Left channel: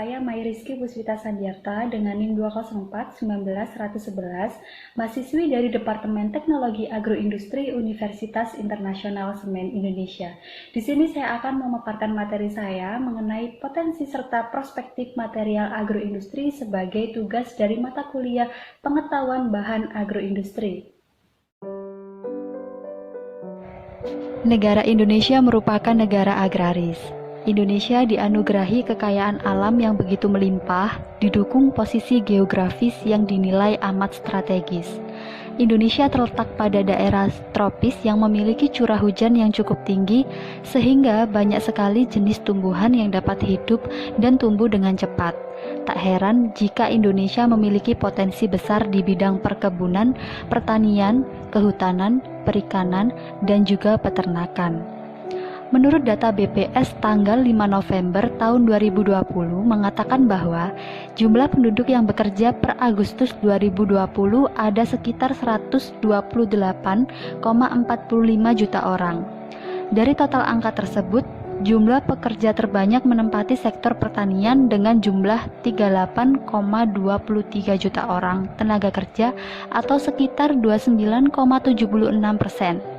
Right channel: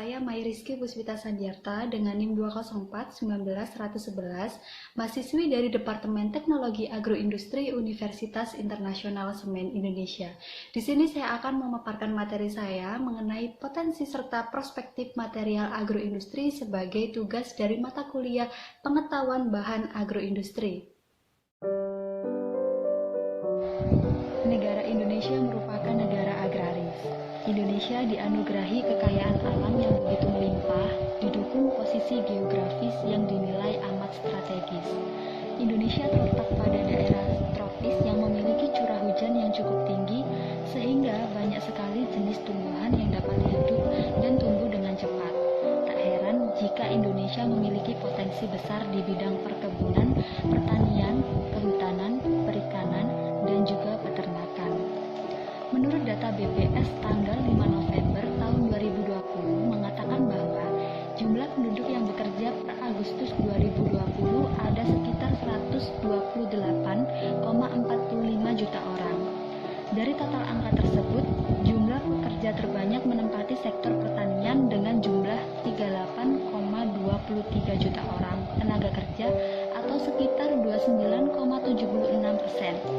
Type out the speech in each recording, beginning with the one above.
saya Mai Rizky Puspita Sandiarta dengan NIM 204-19-111, mahasiswi dari Departemen Teknologi Agroindustri Universitas Internasional Semen Indonesia. Di sini saya akan memaparkan materi saya mengenai potensi serta perspektif material agroindustri sebagai tugas dari mata kuliah Pengetahuan Bahan Agroindustri. Negara Indonesia merupakan negara agraris. Indonesia dianugerahi kekayaan alam yang begitu melimpah, didukung posisi geografis yang dinilai amat strategis. Indonesia terletak pada daerah tropis yang memiliki curah hujan yang cukup tinggi, sehingga banyak sekali jenis tumbuhan yang dapat hidup dan tumbuh dengan cepat. Tak heran jika Indonesia memiliki potensi besar di bidang perkebunan, pertanian, kehutanan, perikanan, dan juga peternakan. Menurut data BPS tanggal 5 November tahun 2020 mengatakan bahwa jumlah penduduk yang bekerja per Agustus 2020 ada sekitar 128,45 juta orang. Dari total angka tersebut, jumlah pekerja terbanyak menempati sektor pertanian dengan jumlah 38,23 juta orang tenaga kerja atau sekitar 29,76%.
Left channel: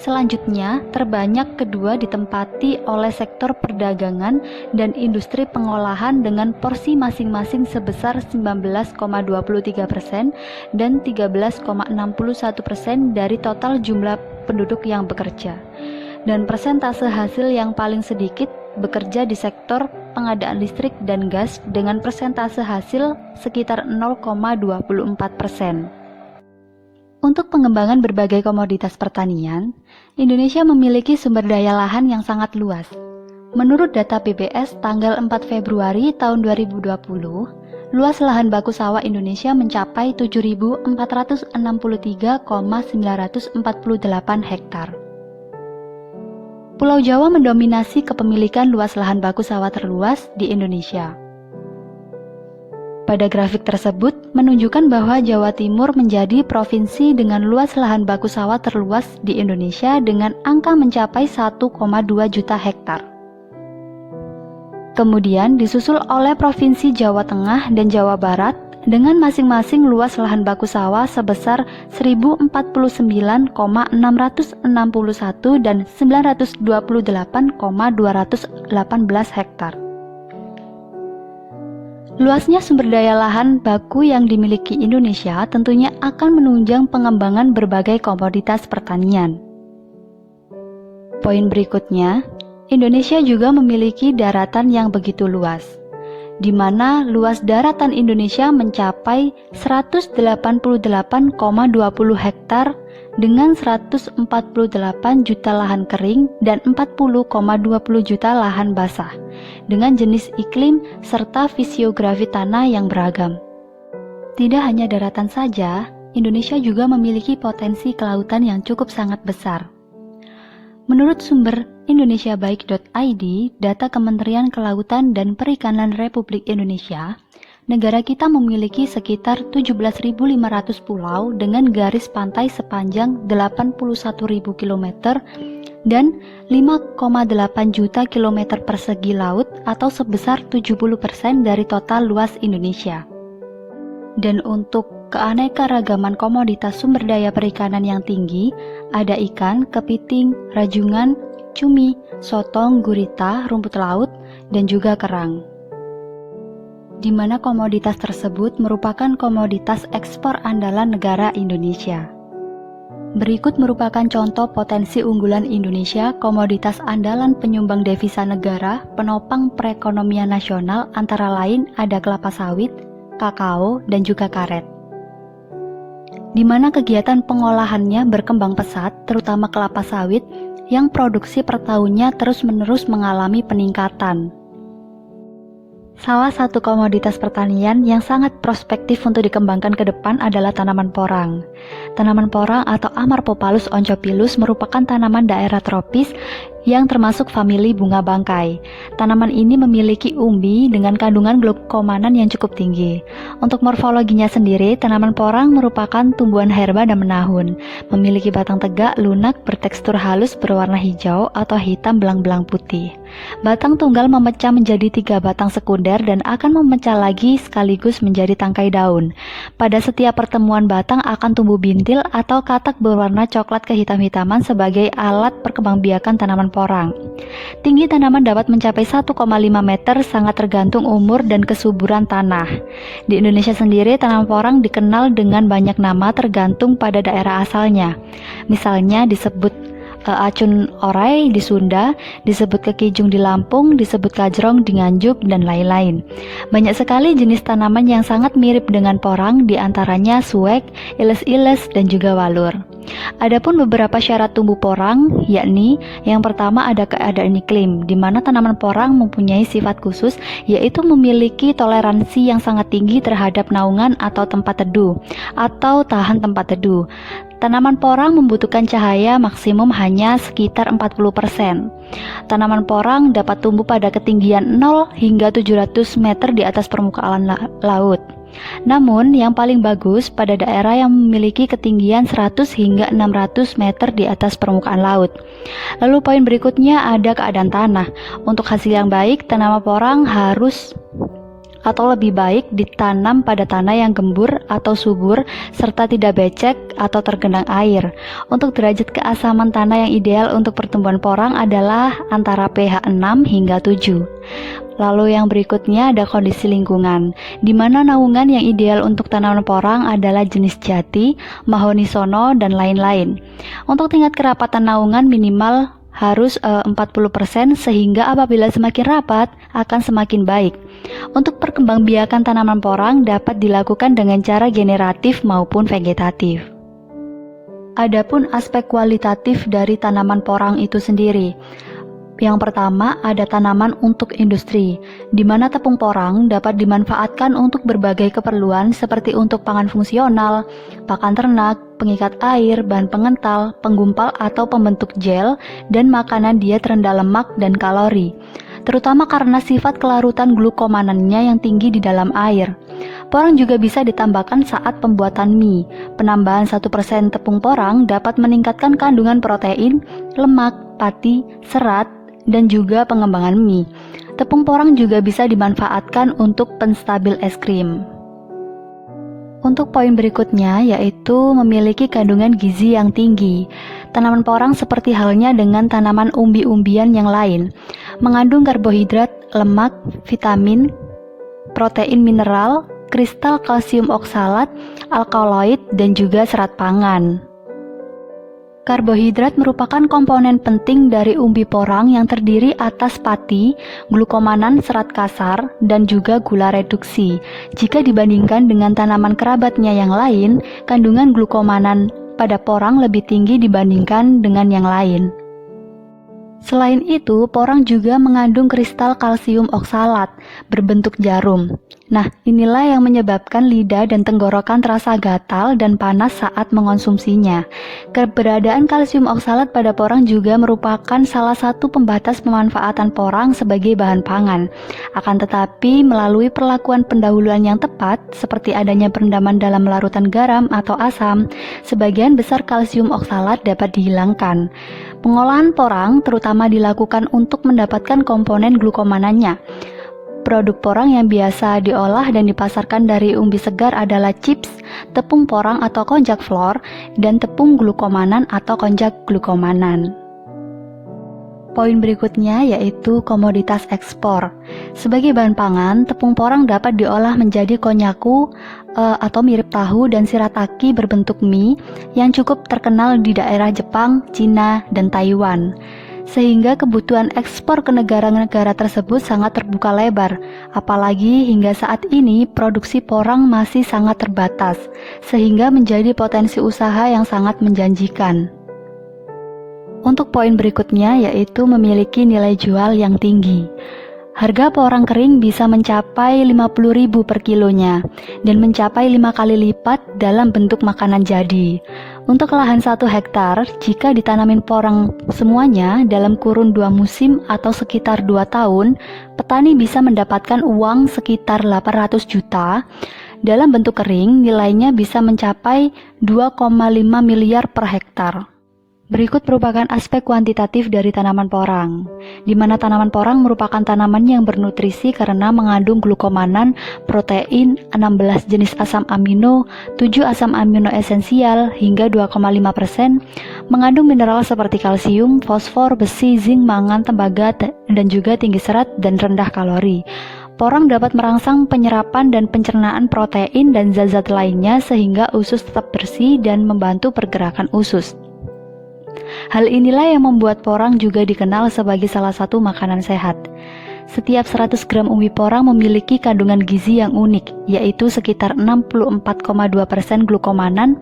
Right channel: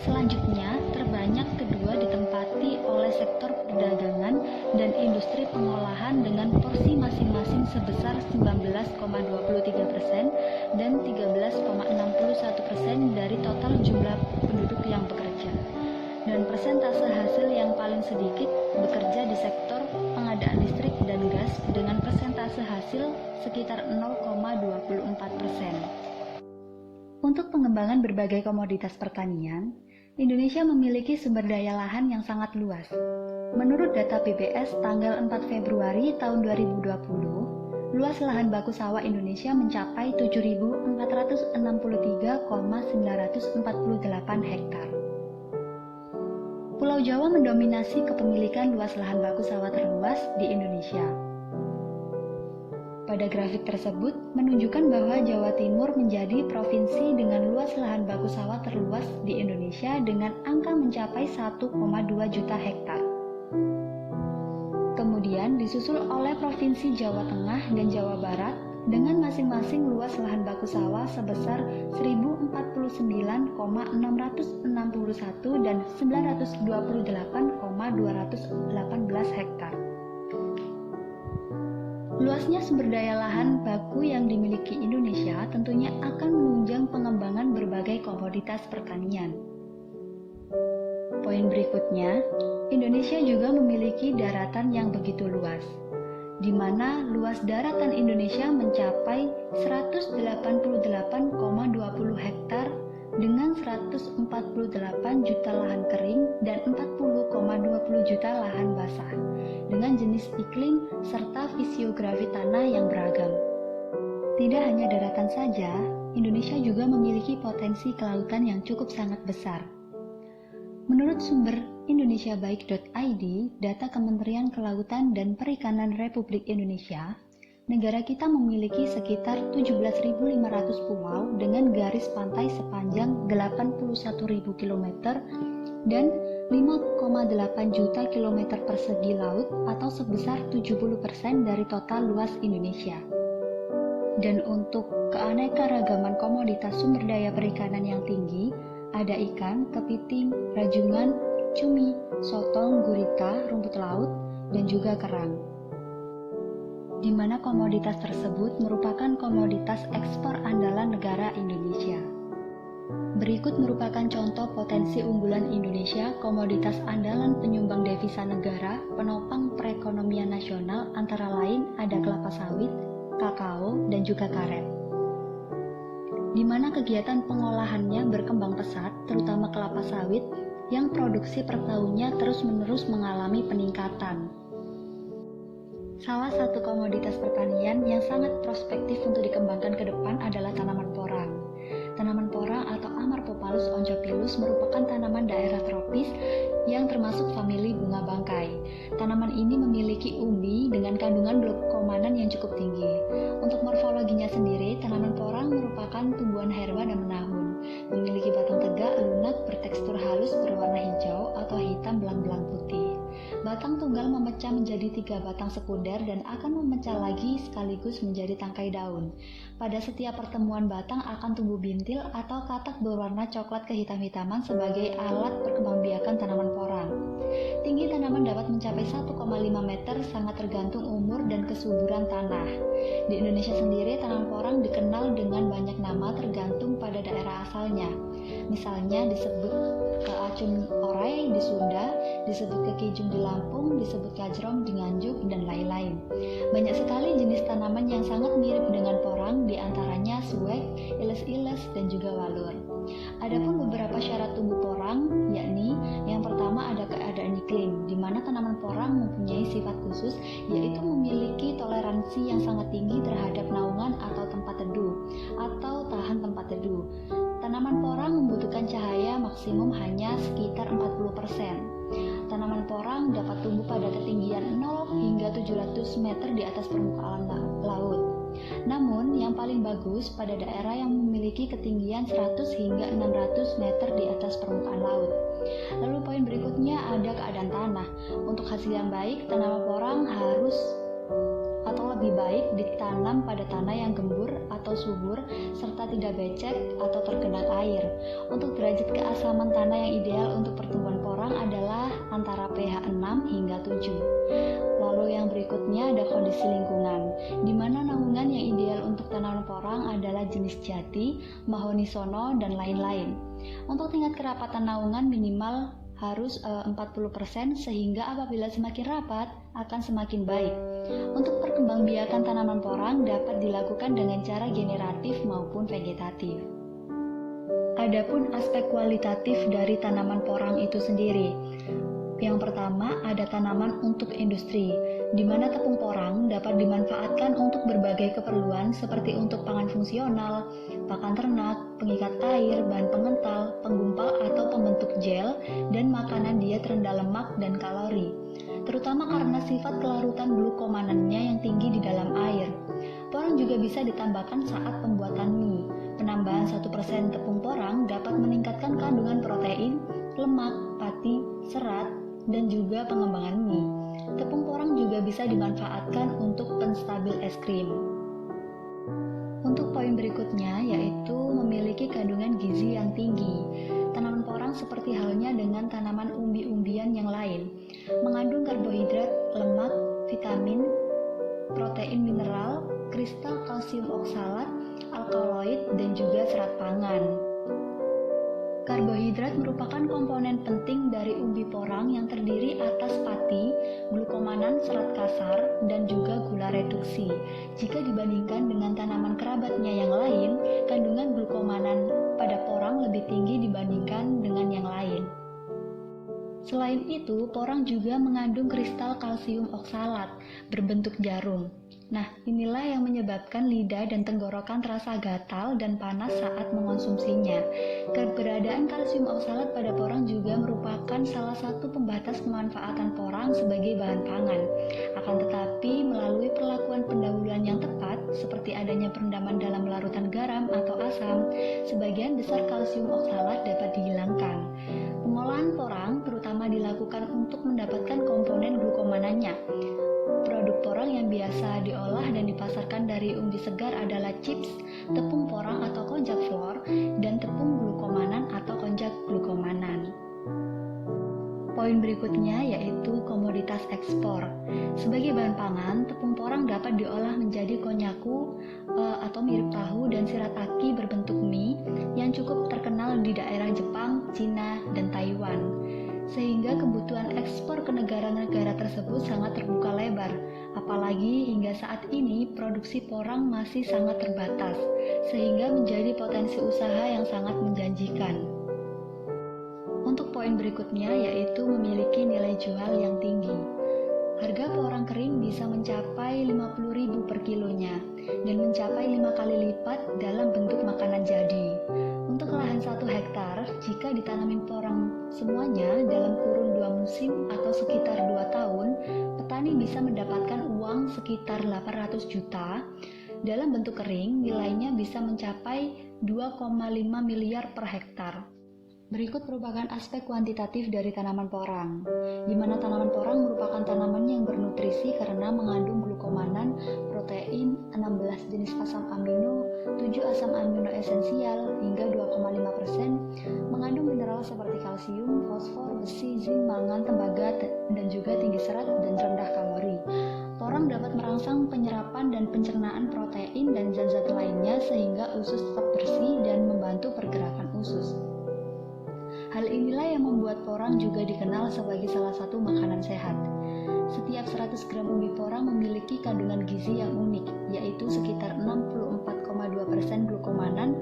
Selanjutnya, terbanyak kedua ditempati oleh sektor perdagangan dan industri pengolahan dengan porsi masing-masing sebesar 19,23% dan 13,61% dari total jumlah penduduk yang bekerja. Dan persentase hasil yang paling sedikit bekerja di sektor pengadaan listrik dan gas dengan persentase hasil sekitar 0,24%. Untuk pengembangan berbagai komoditas pertanian, Indonesia memiliki sumber daya lahan yang sangat luas. Menurut data PBS tanggal 4 Februari tahun 2020, luas lahan baku sawah Indonesia mencapai 7.463,948 hektar. Pulau Jawa mendominasi kepemilikan luas lahan baku sawah terluas di Indonesia. Pada grafik tersebut menunjukkan bahwa Jawa Timur menjadi provinsi dengan luas lahan baku sawah terluas di Indonesia dengan angka mencapai 1,2 juta hektar. Kemudian disusul oleh Provinsi Jawa Tengah dan Jawa Barat dengan masing-masing luas lahan baku sawah sebesar 1049,661 dan 928,218 hektar. Luasnya sumber daya lahan baku yang dimiliki Indonesia tentunya akan menunjang pengembangan berbagai komoditas pertanian. Poin berikutnya, Indonesia juga memiliki daratan yang begitu luas, di mana luas daratan Indonesia mencapai 188,20 hektar dengan 148 juta lahan kering dan 40,20 juta lahan basah dengan jenis iklim serta fisiografi tanah yang beragam. Tidak hanya daratan saja, Indonesia juga memiliki potensi kelautan yang cukup sangat besar. Menurut sumber indonesiabaik.id, data Kementerian Kelautan dan Perikanan Republik Indonesia, negara kita memiliki sekitar 17.500 pulau dengan garis pantai sepanjang 81.000 km dan 5,8 juta kilometer persegi laut atau sebesar 70% dari total luas Indonesia. Dan untuk keanekaragaman komoditas sumber daya perikanan yang tinggi, ada ikan, kepiting, rajungan, cumi, sotong, gurita, rumput laut, dan juga kerang. Di mana komoditas tersebut merupakan komoditas ekspor andalan negara Indonesia. Berikut merupakan contoh potensi unggulan Indonesia, komoditas andalan penyumbang devisa negara, penopang perekonomian nasional antara lain ada kelapa sawit, kakao, dan juga karet. Di mana kegiatan pengolahannya berkembang pesat, terutama kelapa sawit, yang produksi per tahunnya terus-menerus mengalami peningkatan. Salah satu komoditas pertanian yang sangat prospektif untuk dikembangkan ke depan adalah tanaman porang. Tanaman porang atau Amarpopalus onchopilus merupakan tanaman daerah tropis yang termasuk famili bunga bangkai. Tanaman ini memiliki umbi dengan kandungan glukomanan yang cukup tinggi. Untuk morfologinya sendiri, tanaman porang merupakan tumbuhan herba dan menahun. Memiliki batang tegak, lunak, bertekstur halus berwarna hijau atau hitam belang-belang putih. Batang tunggal memecah menjadi 3 batang sekunder dan akan memecah lagi sekaligus menjadi tangkai daun. Pada setiap pertemuan batang akan tumbuh bintil atau katak berwarna coklat kehitam-hitaman sebagai alat perkembangbiakan tanaman porang. Tinggi tanaman dapat mencapai 1,5 meter, sangat tergantung umur dan kesuburan tanah. Di Indonesia sendiri, tanaman porang dikenal dengan banyak nama tergantung pada daerah asalnya. Misalnya disebut acun orai di Sunda, disebut kekijung di Lampung, disebut kajrong di Nganjuk, dan lain-lain. Banyak sekali jenis tanaman yang sangat mirip dengan porang, diantaranya suwek, iles-iles, dan juga walur. Adapun beberapa syarat tumbuh porang, yakni yang pertama ada keadaan iklim, di mana tanaman porang mempunyai sifat khusus, yaitu memiliki toleransi yang sangat tinggi terhadap naungan atau tempat teduh, atau tahan tempat teduh. Tanaman porang membutuhkan cahaya maksimum hanya sekitar 40%. Tanaman porang dapat tumbuh pada ketinggian 0 hingga 700 meter di atas permukaan laut. Namun, yang paling bagus pada daerah yang memiliki ketinggian 100 hingga 600 meter di atas permukaan laut. Lalu poin berikutnya ada keadaan tanah. Untuk hasil yang baik, tanaman porang harus atau lebih baik ditanam pada tanah yang gembur atau subur serta tidak becek atau tergenang air. Untuk derajat keasaman tanah yang ideal untuk pertumbuhan porang adalah antara pH 6 hingga 7. Lalu yang berikutnya ada kondisi lingkungan, di mana naungan yang ideal untuk tanaman porang adalah jenis jati, mahoni sono, dan lain-lain. Untuk tingkat kerapatan naungan minimal harus 40% sehingga apabila semakin rapat akan semakin baik. Untuk perkembangbiakan tanaman porang dapat dilakukan dengan cara generatif maupun vegetatif. Adapun aspek kualitatif dari tanaman porang itu sendiri. Yang pertama ada tanaman untuk industri, di mana tepung porang dapat dimanfaatkan untuk berbagai keperluan seperti untuk pangan fungsional, pakan ternak, pengikat air, bahan pengental, penggumpal atau pembentuk gel, dan makanan diet rendah lemak dan kalori, terutama karena sifat kelarutan glukomanannya yang tinggi di dalam air. Porang juga bisa ditambahkan saat pembuatan mie. Penambahan 1% tepung porang dapat meningkatkan kandungan protein, lemak, pati, serat, dan juga pengembangan mie. Tepung porang juga bisa dimanfaatkan untuk penstabil es krim. Untuk poin berikutnya yaitu memiliki kandungan gizi yang tinggi. Tanaman porang seperti halnya dengan tanaman umbi-umbian yang lain, mengandung karbohidrat, lemak, vitamin, protein mineral, kristal kalsium oksalat, alkaloid, dan juga serat pangan. Karbohidrat merupakan komponen penting dari umbi porang yang terdiri atas pati, glukomanan serat kasar, dan juga gula reduksi. Jika dibandingkan dengan tanaman kerabatnya yang lain, kandungan glukomanan pada porang lebih tinggi dibandingkan dengan yang lain. Selain itu, porang juga mengandung kristal kalsium oksalat berbentuk jarum. Nah, inilah yang menyebabkan lidah dan tenggorokan terasa gatal dan panas saat mengonsumsinya. Keberadaan kalsium oksalat pada porang juga merupakan salah satu pembatas pemanfaatan porang sebagai bahan pangan. Akan tetapi, melalui perlakuan pendahuluan yang tepat, seperti adanya perendaman dalam larutan garam atau asam, sebagian besar kalsium oksalat dapat dihilangkan. Pengolahan porang terutama dilakukan untuk mendapatkan komponen glukomanannya. Produk porang yang biasa diolah dan dipasarkan dari umbi segar adalah chips, tepung porang atau konjak flor, dan tepung glukomanan atau konjak glukomanan. Poin berikutnya yaitu komoditas ekspor. Sebagai bahan pangan, tepung porang dapat diolah menjadi konyaku atau mirip tahu dan shirataki berbentuk mie yang cukup terkenal di daerah Jepang, Cina, dan Taiwan. Sehingga kebutuhan ekspor ke negara-negara tersebut sangat terbuka lebar, apalagi hingga saat ini produksi porang masih sangat terbatas, sehingga menjadi potensi usaha yang sangat menjanjikan. Untuk poin berikutnya yaitu memiliki nilai jual yang tinggi. Harga porang kering bisa mencapai 50.000 per kilonya dan mencapai 5 kali lipat dalam bentuk makanan jadi. Untuk lahan 1 hektar, jika ditanamin porang semuanya dalam kurun 2 musim atau sekitar 2 tahun, petani bisa mendapatkan uang sekitar 800 juta. Dalam bentuk kering, nilainya bisa mencapai 2,5 miliar per hektar. Berikut merupakan aspek kuantitatif dari tanaman porang, di mana tanaman porang merupakan tanaman yang bernutrisi karena mengandung glukomanan, protein, 16 jenis asam amino, 7 asam amino esensial hingga 2,5%, mengandung mineral seperti kalsium, fosfor, besi, zinc, mangan, tembaga, dan juga tinggi serat dan rendah kalori. Porang dapat merangsang penyerapan dan pencernaan protein dan zat-zat lainnya sehingga usus tetap bersih dan membantu pergerakan usus. Hal inilah yang membuat porang juga dikenal sebagai salah satu makanan sehat. Setiap 100 gram umbi porang memiliki kandungan gizi yang unik, yaitu sekitar 64,2% glukomanan,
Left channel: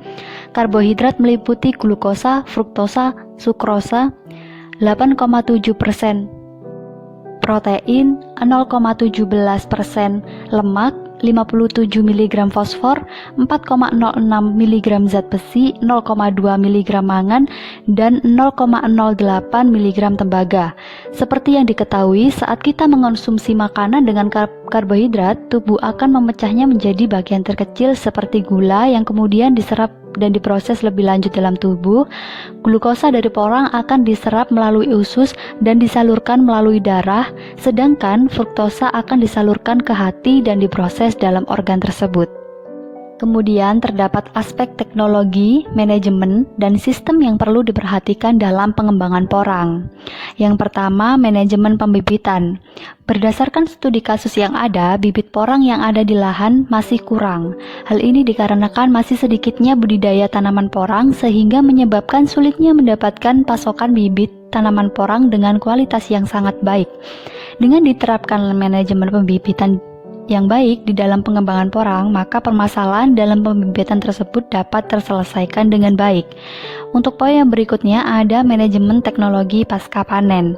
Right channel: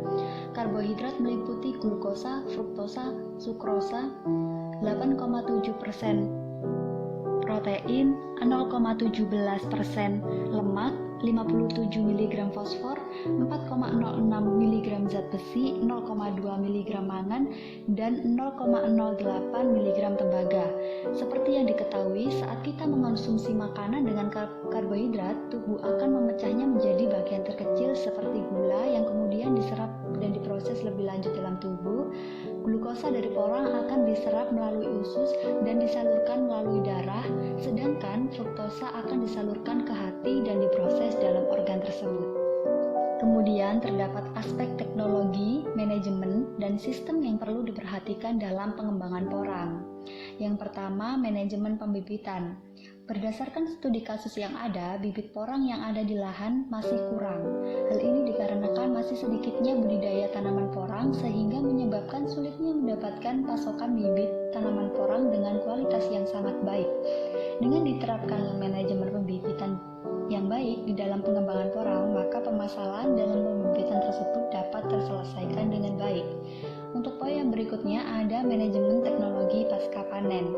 karbohidrat meliputi glukosa, fruktosa, sukrosa, 8,7%, protein, 0,17%, lemak, 57 mg fosfor, 4,06 mg zat besi, 0,2 mg mangan, dan 0,08 mg tembaga. Seperti yang diketahui, saat kita mengonsumsi makanan dengan karbohidrat, tubuh akan memecahnya menjadi bagian terkecil seperti gula yang kemudian diserap dan diproses lebih lanjut dalam tubuh. Glukosa dari porang akan diserap melalui usus dan disalurkan melalui darah, sedangkan fruktosa akan disalurkan ke hati dan diproses dalam organ tersebut. Kemudian terdapat aspek teknologi, manajemen, dan sistem yang perlu diperhatikan dalam pengembangan porang. Yang pertama, manajemen pembibitan. Berdasarkan studi kasus yang ada, bibit porang yang ada di lahan masih kurang. Hal ini dikarenakan masih sedikitnya budidaya tanaman porang sehingga menyebabkan sulitnya mendapatkan pasokan bibit tanaman porang dengan kualitas yang sangat baik. Dengan diterapkan manajemen pembibitan yang baik di dalam pengembangan porang, maka permasalahan dalam pembibitan tersebut dapat terselesaikan dengan baik. Untuk poin yang berikutnya ada manajemen teknologi pasca panen.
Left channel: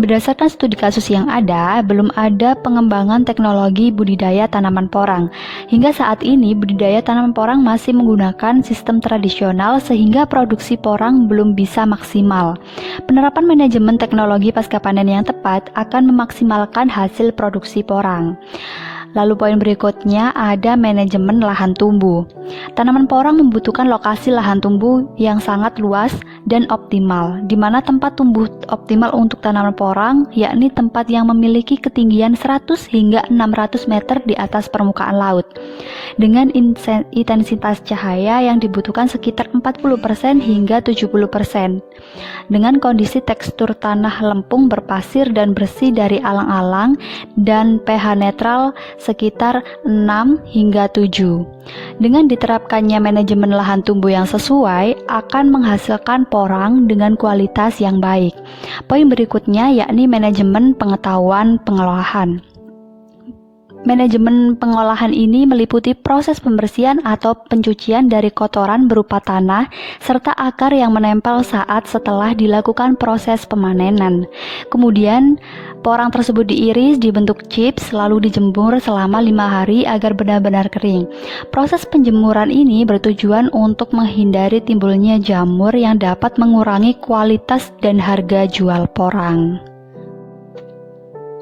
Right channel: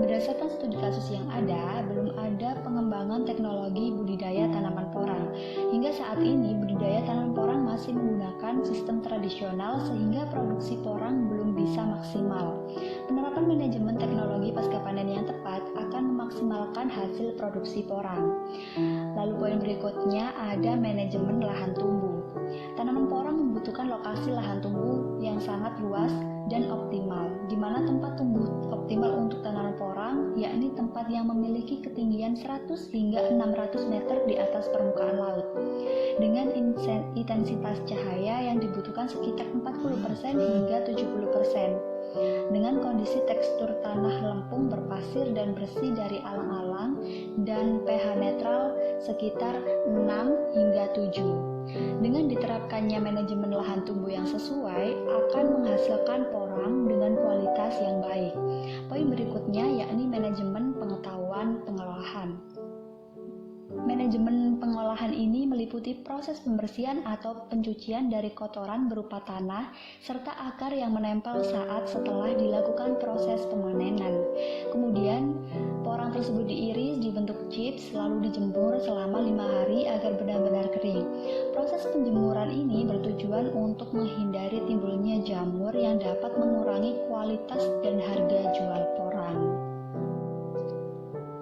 Berdasarkan studi kasus yang ada, belum ada pengembangan teknologi budidaya tanaman porang. Hingga saat ini, budidaya tanaman porang masih menggunakan sistem tradisional sehingga produksi porang belum bisa maksimal. Penerapan manajemen teknologi pasca panen yang tepat akan memaksimalkan hasil produksi porang. Lalu poin berikutnya ada manajemen lahan tumbuh. Tanaman porang membutuhkan lokasi lahan tumbuh yang sangat luas dan optimal, di mana tempat tumbuh optimal untuk tanaman porang yakni tempat yang memiliki ketinggian 100 hingga 600 meter di atas permukaan laut, dengan intensitas cahaya yang dibutuhkan sekitar 40% hingga 70%, dengan kondisi tekstur tanah lempung berpasir dan bersih dari alang-alang dan pH netral sekitar 6 hingga 7. Dengan diterapkannya manajemen lahan tumbuh yang sesuai akan menghasilkan porang dengan kualitas yang baik. Poin berikutnya yakni manajemen pengetahuan pengolahan. Manajemen pengolahan ini meliputi proses pembersihan atau pencucian dari kotoran berupa tanah serta akar yang menempel saat setelah dilakukan proses pemanenan. Kemudian, porang tersebut diiris dibentuk chips lalu dijemur selama 5 hari agar benar-benar kering. Proses penjemuran ini bertujuan untuk menghindari timbulnya jamur yang dapat mengurangi kualitas dan harga jual porang.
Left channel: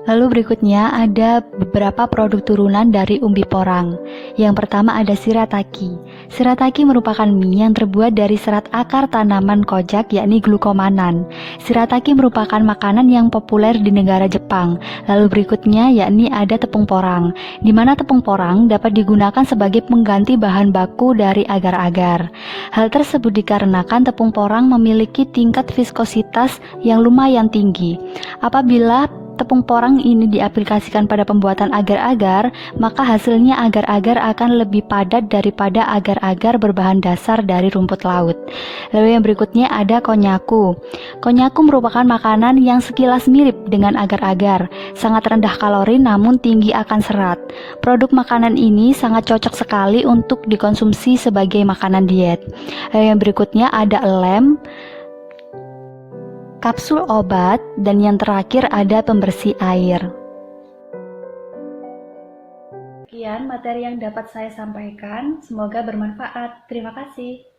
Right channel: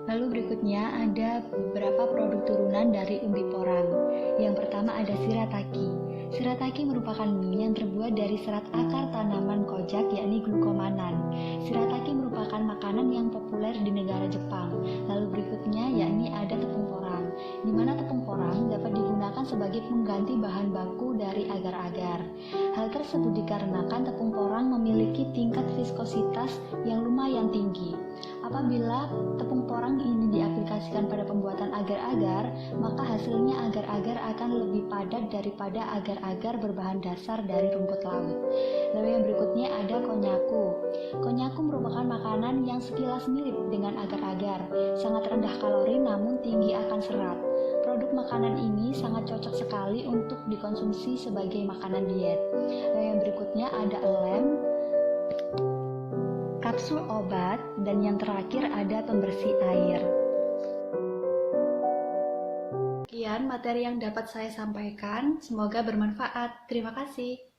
Lalu berikutnya ada beberapa produk turunan dari umbi porang. Yang pertama ada shirataki. Shirataki merupakan mie yang terbuat dari serat akar tanaman kojak yakni glukomanan. Shirataki merupakan makanan yang populer di negara Jepang. Lalu berikutnya yakni ada tepung porang, di mana tepung porang dapat digunakan sebagai pengganti bahan baku dari agar-agar. Hal tersebut dikarenakan tepung porang memiliki tingkat viskositas yang lumayan tinggi. Apabila tepung porang ini diaplikasikan pada pembuatan agar-agar, maka hasilnya agar-agar akan lebih padat daripada agar-agar berbahan dasar dari rumput laut. Lalu yang berikutnya ada konnyaku. Konnyaku merupakan makanan yang sekilas mirip dengan agar-agar, sangat rendah kalori namun tinggi akan serat. Produk makanan ini sangat cocok sekali untuk dikonsumsi sebagai makanan diet. Lalu yang berikutnya ada lem, kapsul obat, dan yang terakhir ada pembersih air. materi yang dapat saya sampaikan. Semoga bermanfaat. Terima kasih.